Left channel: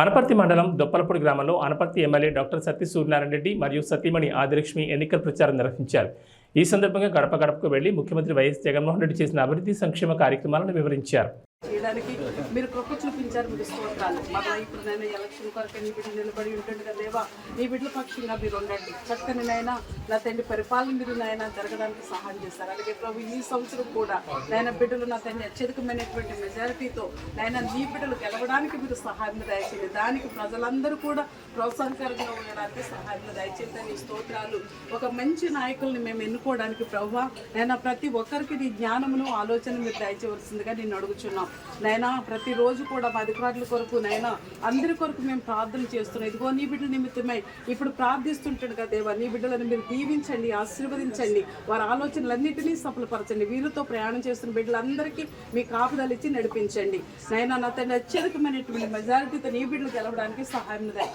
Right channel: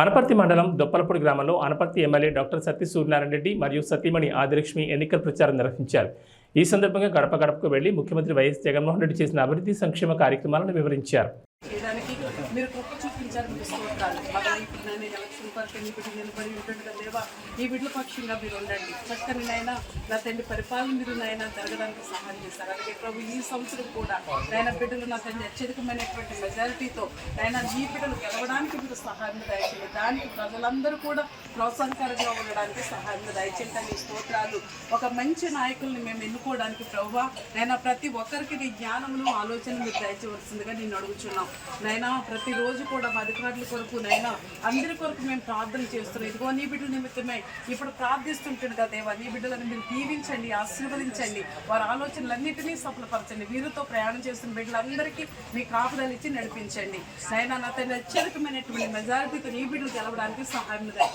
అనపర్తి మండలం దొప్పలపూడి గ్రామంలో Anaparthi MLA doctor Satya Suryanarayana Reddy మరియు సతీమణి ఆదిలక్ష్మి ఎన్నికల ప్రచారం నిర్వహించారు. ఈ సందర్భంగా గడప గడపకు వెళ్ళి ముఖ్యమంత్రి వైఎస్ జగన్మోహన్ రెడ్డి చేసిన అభివృద్ధి సంక్షేమ కార్యక్రమాలను వివరించారు. చేయడానికి మీరు కృప చూపించారు మీరు స్తోత్రాలు. మళ్ళీ ఇప్పుడు నేను ఎలక్షన్ కొరకు నీ బిడ్డ నిలబడి ఉంటుండగా దేవా నీ బిడ్డల పక్షంగా మీరు ఉండండి. చక్కని నాయన నా తండ్రి పరిపాలన మీరు నాయన జరగడానికి సహాయం చేశారు. అలాగే ప్రభు ఈ సంవత్సరం కూడా నాయన బిడ్డలు నా తండ్రి అత్యధికమైనటువంటి మెజారిటీతో నాయన నీ బిడ్డలు గెలవడానికి మీరు సహాయం దయచేయండి. దానికి ప్రజలందరూ కూడా ప్రోత్సాహకరంగా ఉండడానికి సహాయం దయచేయండి. నీ స్తోత్రాలు ఒక మంచి నాయకుల్ని మేము ఎన్నుకోవడానికి ప్రభు నైనా ప్రతి ఒక్కరికి నీ జ్ఞానమును ఆలోచన మీరు దయచేయవలసిందిగా నేను అడుగుచున్నాం. నైనా ప్రతిరోజు కూడా మా అధికారుల కొరకు నైనా అందరి కొరకు మేము ప్రార్థన చేస్తున్నాం. ఇదిగో నీ బిడ్డల నిమిత్తమై ఇప్పుడు ప్రార్థిస్తుంటాడు కదా దేవా నీ బిడ్డలను మీరు దీవించండి ఆశీర్వదించండి. వారి ఆలోచనలన్నింటినీ సఫలపరచండి. వీరితో ప్రయాణం చేస్తున్న బిడ్డలందరికీ మీ కాపుదాలు ఇచ్చి నడిపించండి. నైనా నా తన అత్యధికమైనటువంటి మెజారిటీతో నీ బిడ్డలు గెలవడానికి సహాయం దయ-